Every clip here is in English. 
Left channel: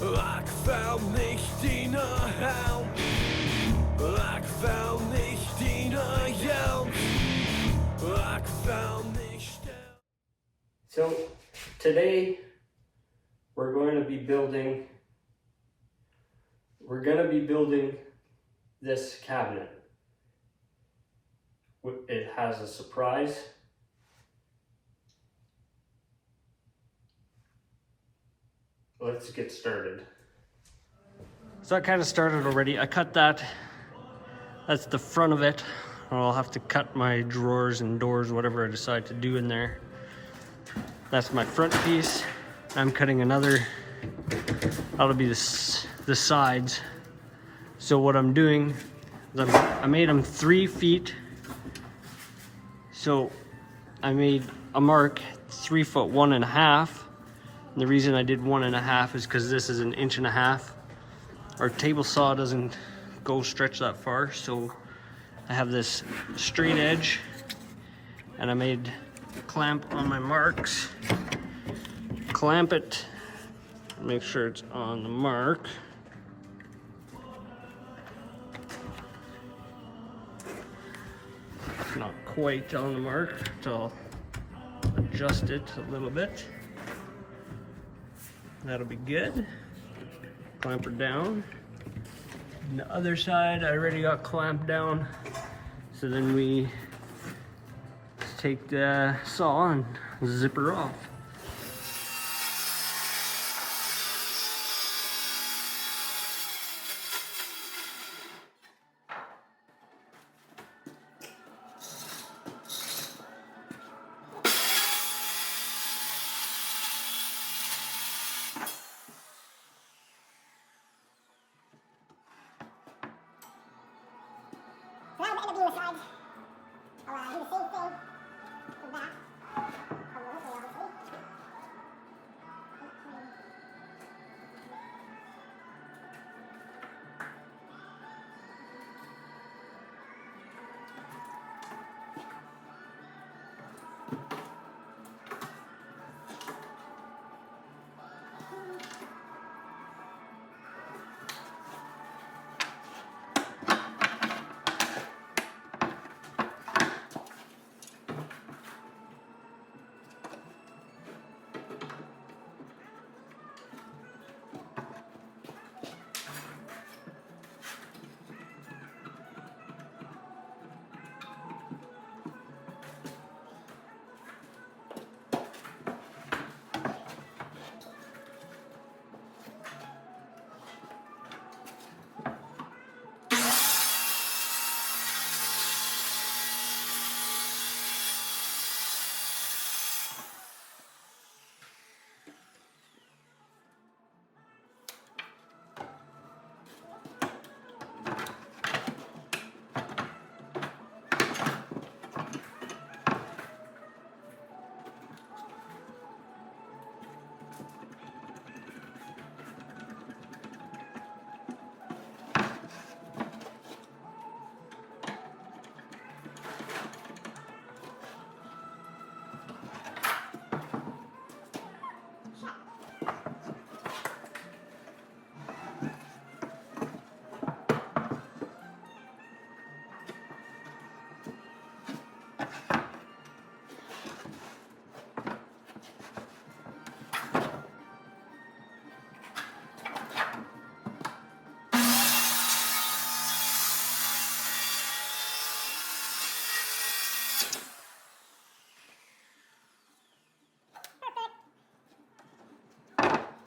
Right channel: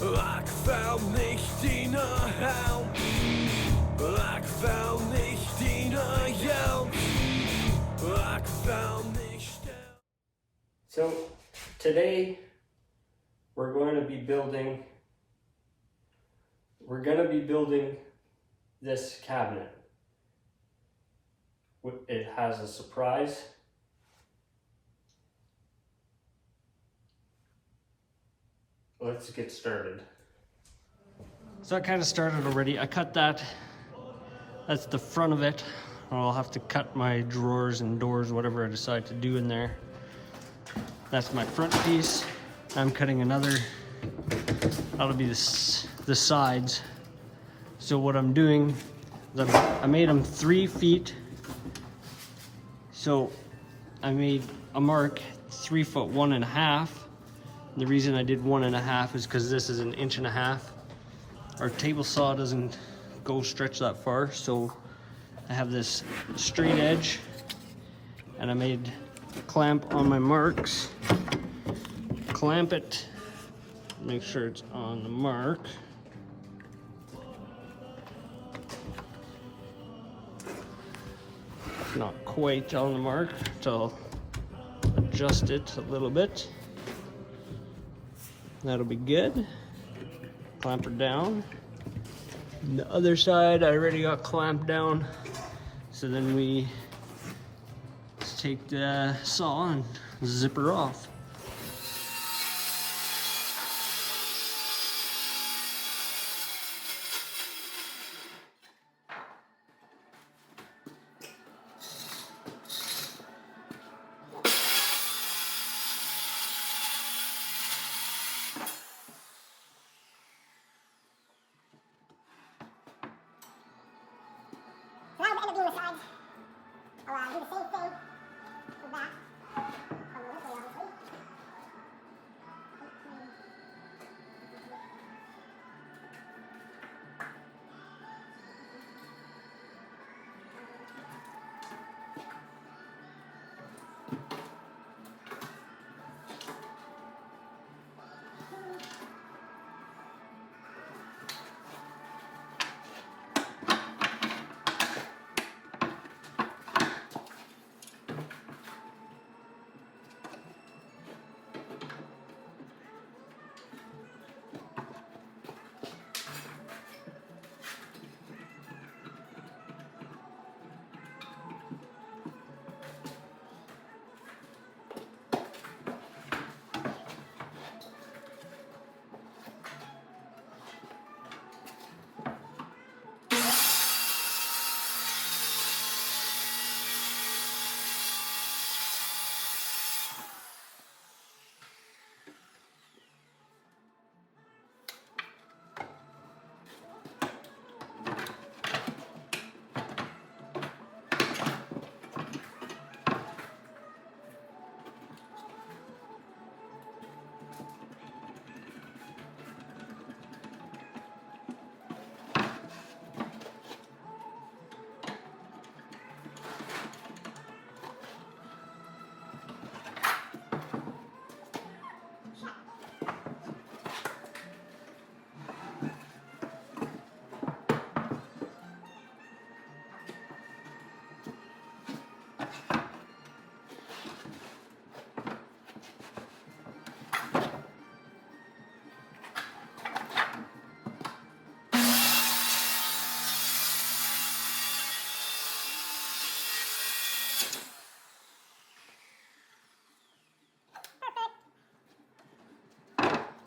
Ich fell nicht in a helm. Ich fell nicht in a yelp. Ich fell nicht down. So today we're going to be building this cabinet. It has a surprise. Let's get started. So I kind of started already. I cut that. That's the front of it. I'll have to cut my drawers and doors, whatever I decide to do in there. That's my front piece. I'm cutting another. That'll be the sides. So what I'm doing is I made them 3 feet. So I made a mark 3 foot 1.5. And the reason I did 1.5 is because this is 1.5 inches. Our table saw doesn't stretch that far, so I have this straight edge, and I made a clamp on my marks. Clamp it, make sure it's on the mark. It's not quite on the mark, so I'll adjust it a little bit. That'll be good. Clamp her down. And the other side I already got clamped down. So then we just take the saw and zip her off. So that'll end up being the sides. I'll do the same thing for that.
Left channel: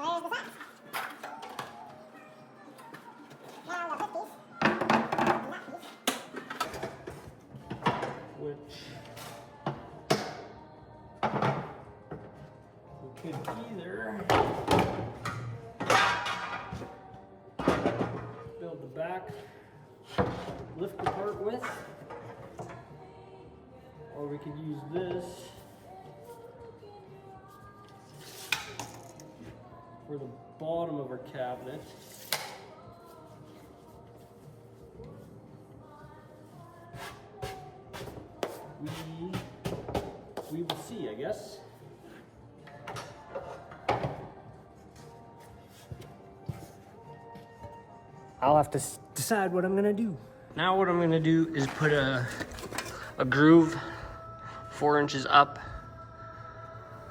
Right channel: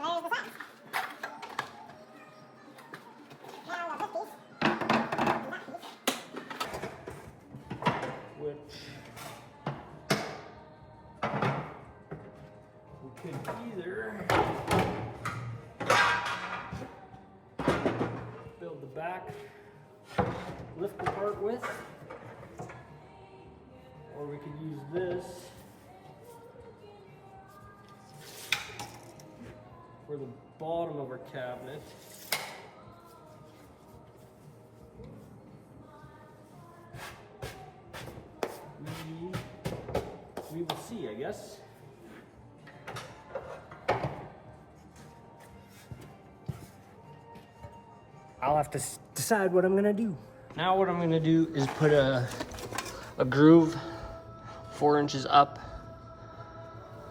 A little bit, obviously. Which we could either build the back lift apart with, or we could use this for the bottom of our cabinet. We will see, I guess. I'll have to decide what I'm gonna do. Now what I'm gonna do is put a groove 4 inches up,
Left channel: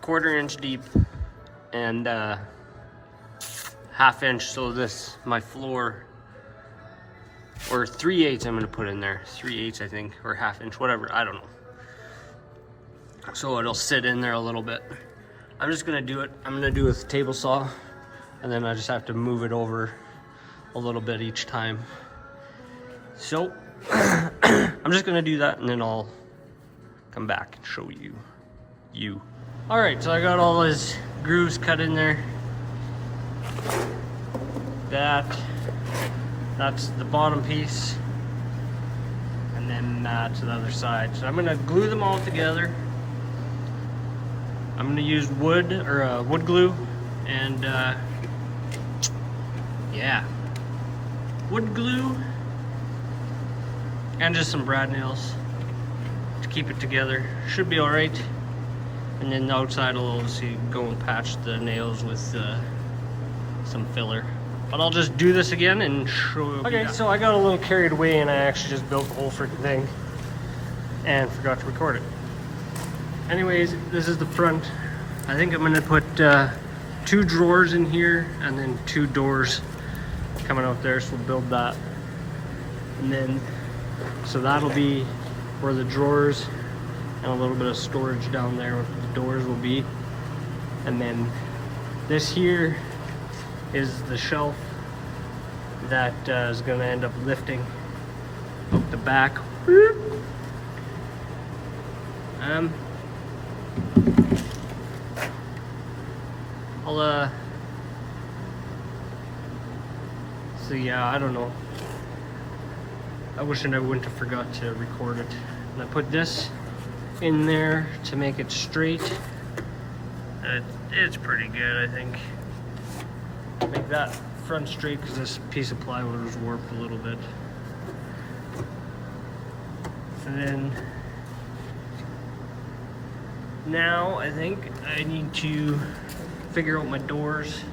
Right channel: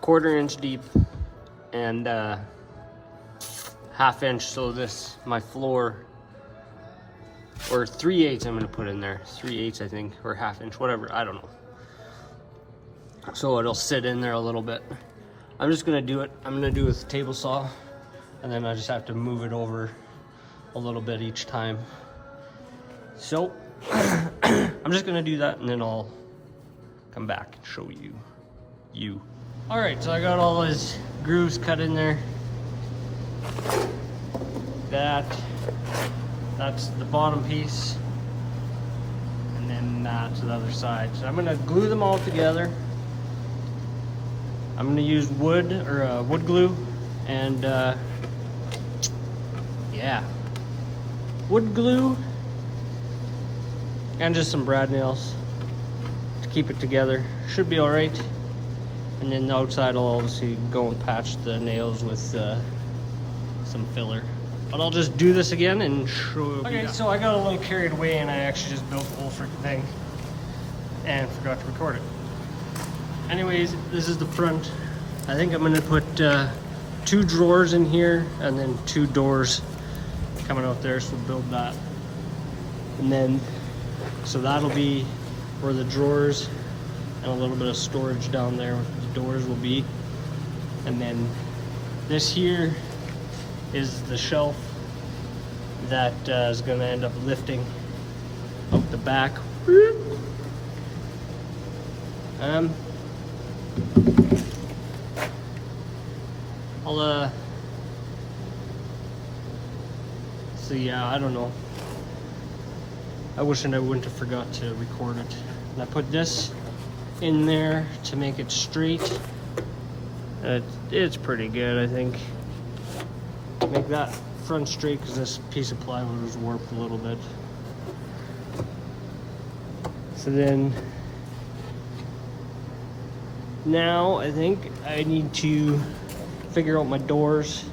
1/4 inch deep, and 1/2 inch, so this, my floor, or 3/8 I'm gonna put in there, 3/8 I think, or 1/2 inch, whatever, I don't know. So it'll sit in there a little bit. I'm just gonna do it, I'm gonna do it with a table saw, and then I just have to move it over a little bit each time. So I'm just gonna do that, and then I'll come back and show you. All right, so I got all his grooves cut in there. That's the bottom piece, and then to the other side. So I'm gonna glue them all together. I'm gonna use wood or wood glue, and yeah, wood glue, and just some brad nails to keep it together. Should be all right. And then the outside I'll obviously go and patch the nails with some filler. But I'll just do this again and show you. Okay, so I got a little carried away and I actually just built the whole freaking thing and forgot to record it. Anyways, this is the front. I think I'm gonna put 2 drawers in here and then 2 doors coming out there, so we'll build that. And then, so that'll be where the drawers and a little bit of storage down there where the doors will be. And then this here is the shelf that is gonna end up lifting out the back. So yeah, I don't know. I wish I wouldn't have forgot to record it. And I put this in there to make it straight. It's pretty good, I think. Make that front straight because this piece of plywood was warped a little bit. So then, now I think I need to figure out my doors.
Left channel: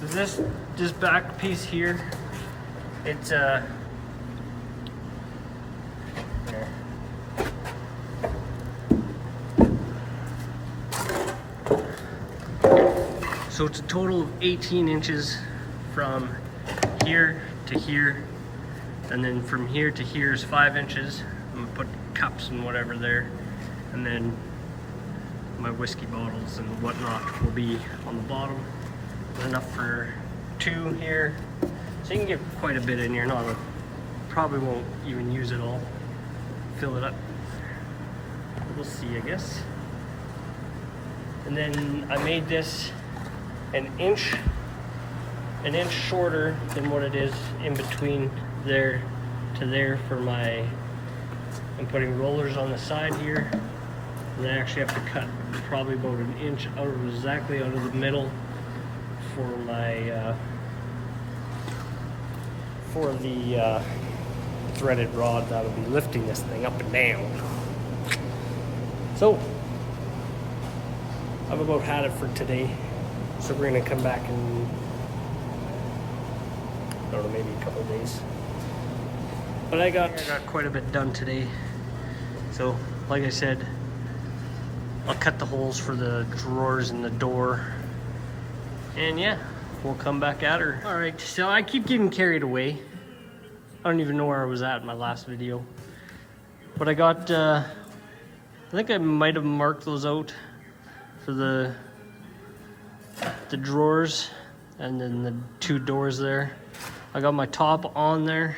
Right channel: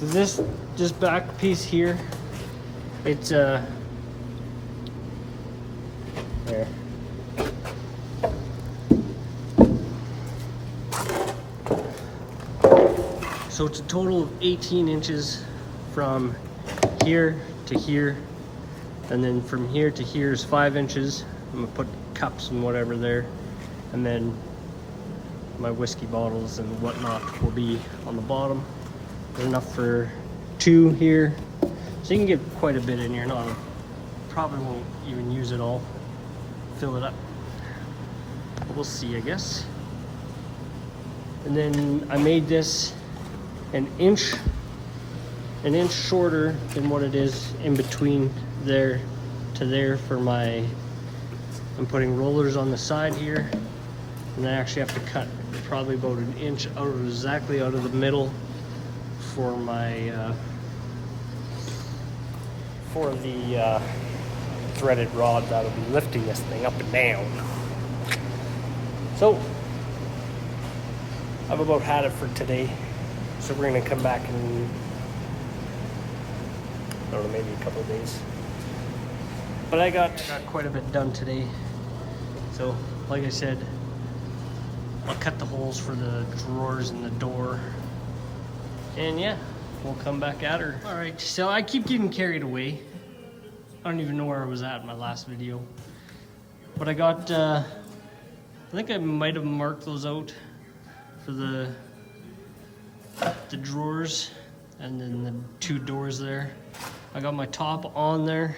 So this back piece here, it's there. So it's a total of 18 inches from here to here, and then from here to here is 5 inches. I'm gonna put cups and whatever there, and then my whiskey bottles and whatnot will be on the bottom. Enough for 2 here, so you can get quite a bit in here. Probably won't even use it all, fill it up. We'll see, I guess. And then I made this an inch shorter than what it is in between there to there for my, I'm putting rollers on the side here, and I actually have to cut probably about an inch out of exactly out of the middle for my for the threaded rod that'll be lifting this thing up and down. So I've about had it for today. So we're gonna come back in, I don't know, maybe a couple of days. But I got quite a bit done today. So like I said, I'll cut the holes for the drawers and the door. And yeah, we'll come back at her. All right, so I keep getting carried away. I don't even know where I was at in my last video. But I got, I think I might have marked those out for the drawers and then the 2 doors there. I got my top on there,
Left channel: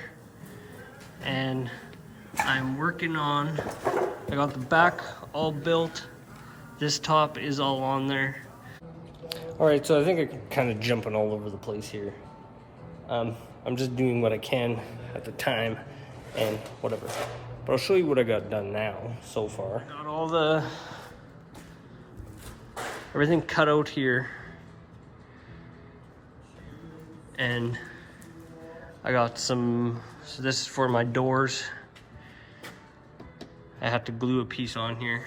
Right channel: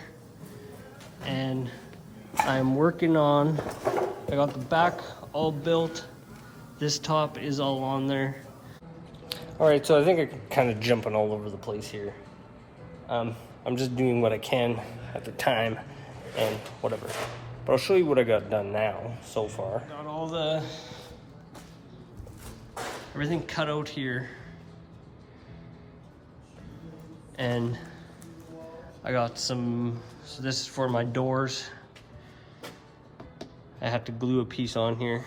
and I'm working on, I got the back all built. This top is all on there. All right, so I think I'm kind of jumping all over the place here. I'm just doing what I can at the time and whatever. But I'll show you what I got done now so far. Got all everything cut out here. And I got some, so this is for my doors. I had to glue a piece on here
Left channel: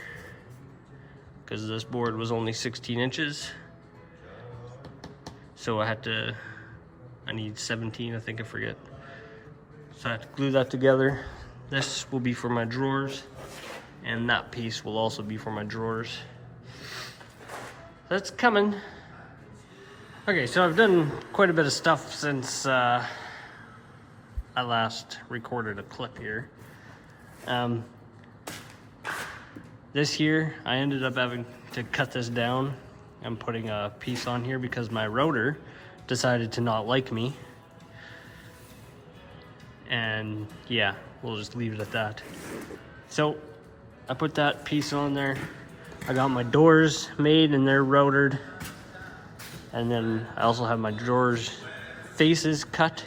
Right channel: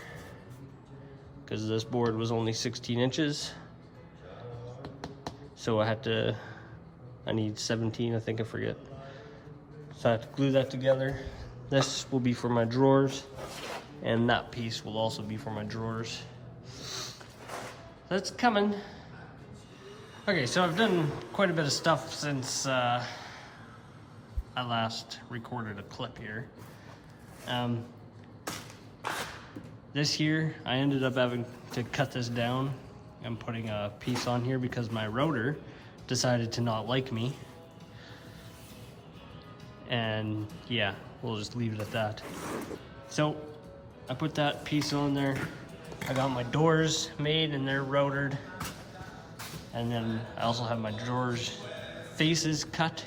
because this board was only 16 inches. So I need 17, I think, I forget. So I have to glue that together. This will be for my drawers, and that piece will also be for my drawers. That's coming. Okay, so I've done quite a bit of stuff since I last recorded a clip here. This here, I ended up having to cut this down. I'm putting a piece on here because my router decided to not like me. And yeah, we'll just leave it at that. So I put that piece on there. I got my doors made and they're routered. And then I also have my drawers faces cut.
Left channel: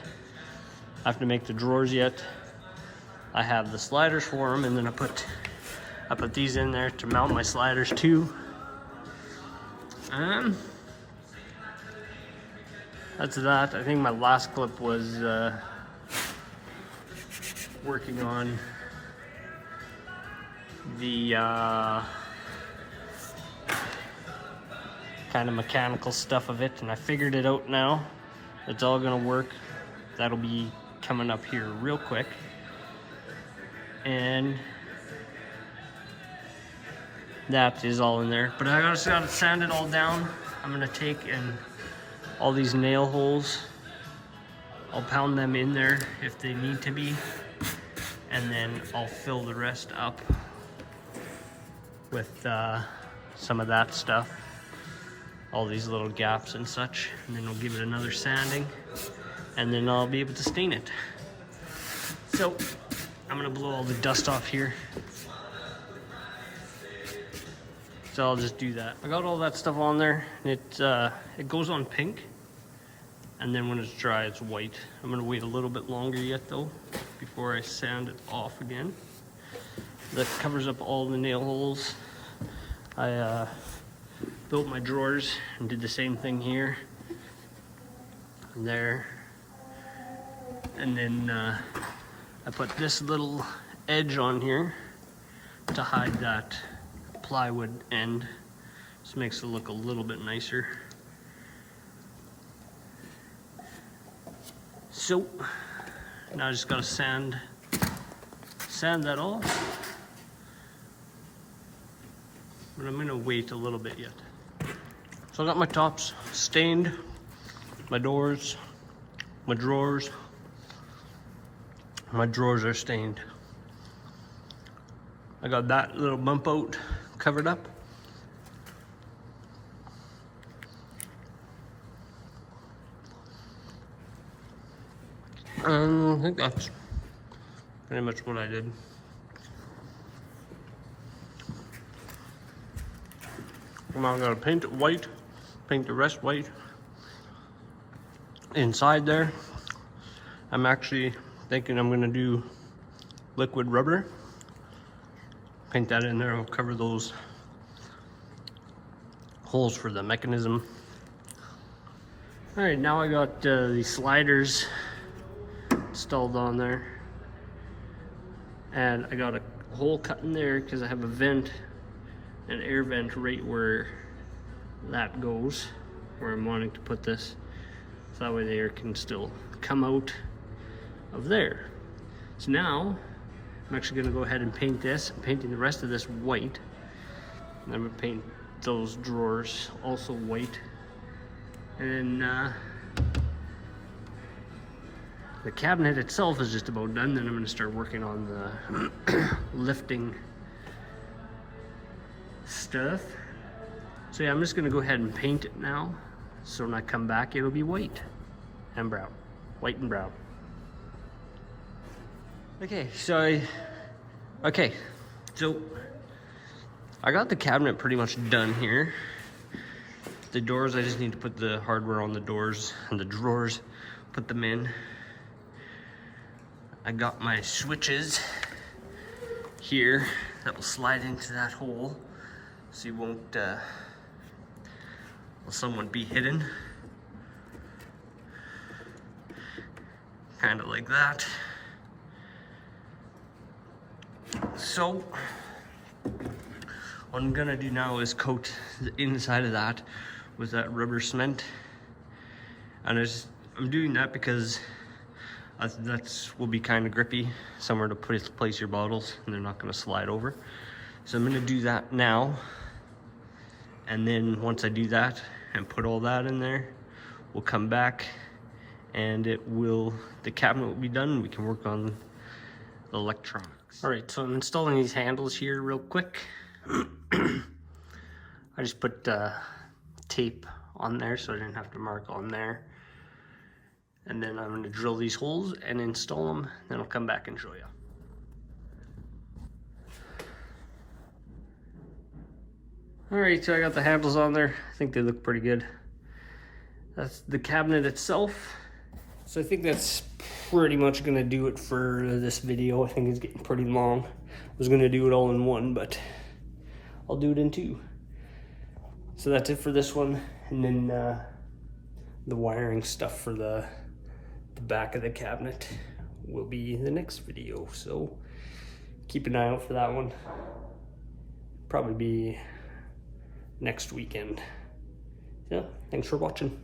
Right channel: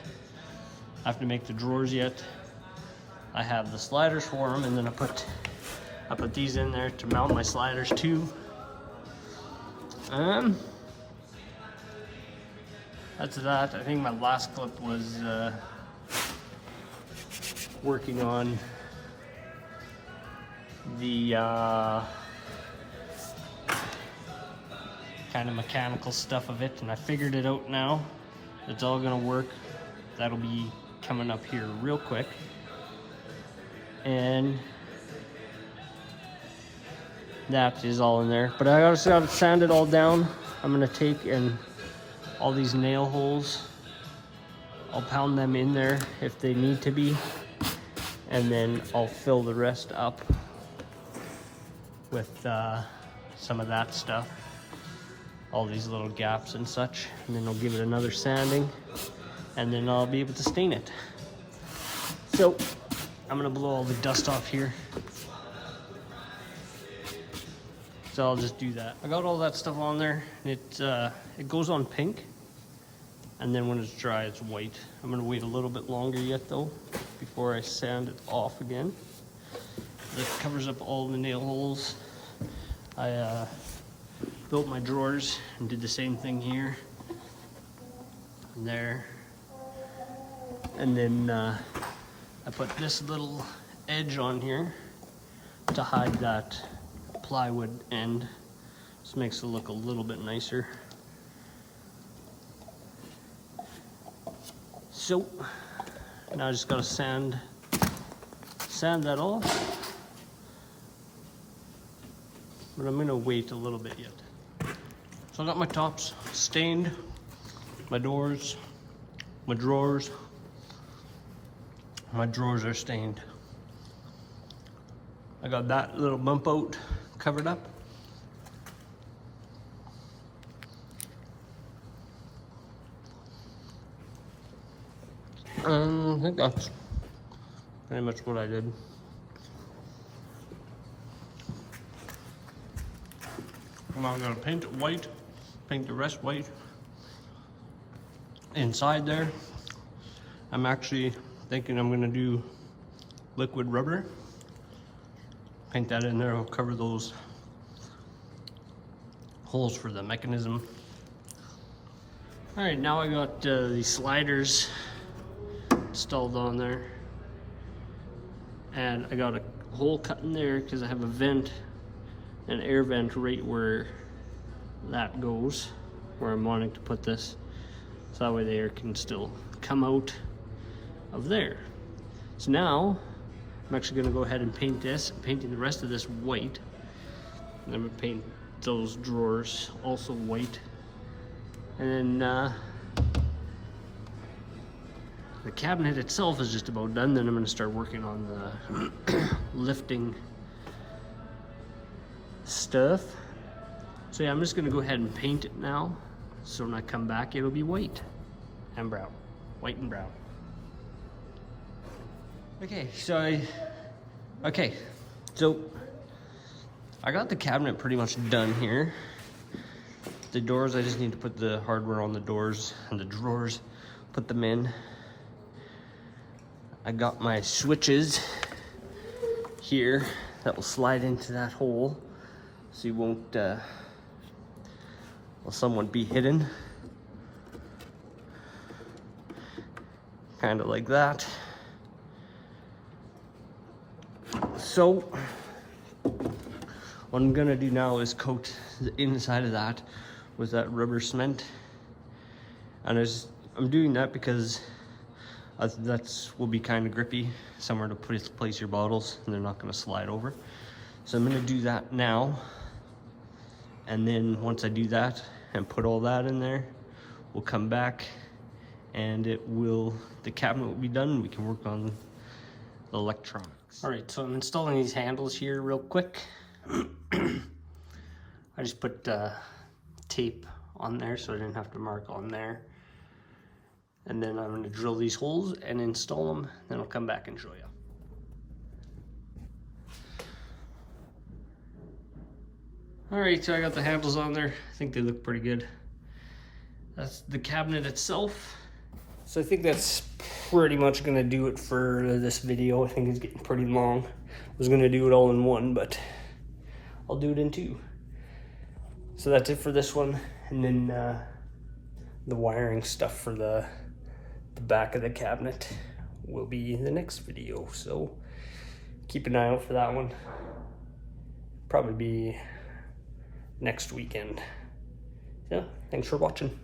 I have to make the drawers yet. I have the sliders for them, and then I put these in there to mount my sliders too. That's that. I think my last clip was working on the kind of mechanical stuff of it, and I figured it out now. It's all gonna work. That'll be coming up here real quick. And that is all in there, but I just gotta sand it all down. I'm gonna take and all these nail holes, I'll pound them in there if they need to be, and then I'll fill the rest up with some of that stuff, all these little gaps and such, and then I'll give it another sanding, and then I'll be able to stain it. So I'm gonna blow all the dust off here. So I'll just do that. I got all that stuff on there, and it goes on pink, and then when it's dry, it's white. I'm gonna wait a little bit longer yet though, before I sand it off again. That covers up all the nail holes. I built my drawers and did the same thing here and there. And then I put this little edge on here to hide that plywood end. This makes it look a little bit nicer. So now I just gotta sand that off. But I'm gonna wait a little bit yet. So I got my tops stained, my doors, my drawers. My drawers are stained. I got that little bump out covered up. I think that's pretty much what I did. Now I'm gonna paint it white, paint the rest white. Inside there, I'm actually thinking I'm gonna do liquid rubber. Paint that in there, I'll cover those holes for the mechanism. All right, now I got these sliders installed on there. And I got a hole cut in there because I have a vent, an air vent right where that goes, where I'm wanting to put this. So that way the air can still come out of there. So now I'm actually gonna go ahead and paint this. I'm painting the rest of this white. And I'm gonna paint those drawers also white. And the cabinet itself is just about done. Then I'm gonna start working on the lifting stuff. So yeah, I'm just gonna go ahead and paint it now. So when I come back, it'll be white and brown, white and brown. Okay, so I got the cabinet pretty much done here. The doors, I just need to put the hardware on the doors and the drawers, put them in. I got my switches here that will slide into that hole, so you won't, will someone be hidden. Kind of like that. So what I'm gonna do now is coat the inside of that with that rubber cement, And I'm doing that because that's will be kind of grippy, somewhere to place your bottles, and they're not going to slide over. So I'm going to do that now, and then once I do that and put all that in there, we'll come back and the cabinet will be done, and we can work on the electronics. All right, so I'm installing these handles here real quick. I just put tape on there so I didn't have to mark on there. And then I'm going to drill these holes and install them, then I'll come back and show you. Alright, so I got the handles on there. I think they look pretty good. That's the cabinet itself. So I think that's pretty much going to do it for this video. I think it's getting pretty long. I was going to do it all in one, but I'll do it in two. So that's it for this one. And then the wiring stuff for the back of the cabinet will be the next video, so keep an eye out for that one. Probably be next weekend. Yeah, thanks for watching.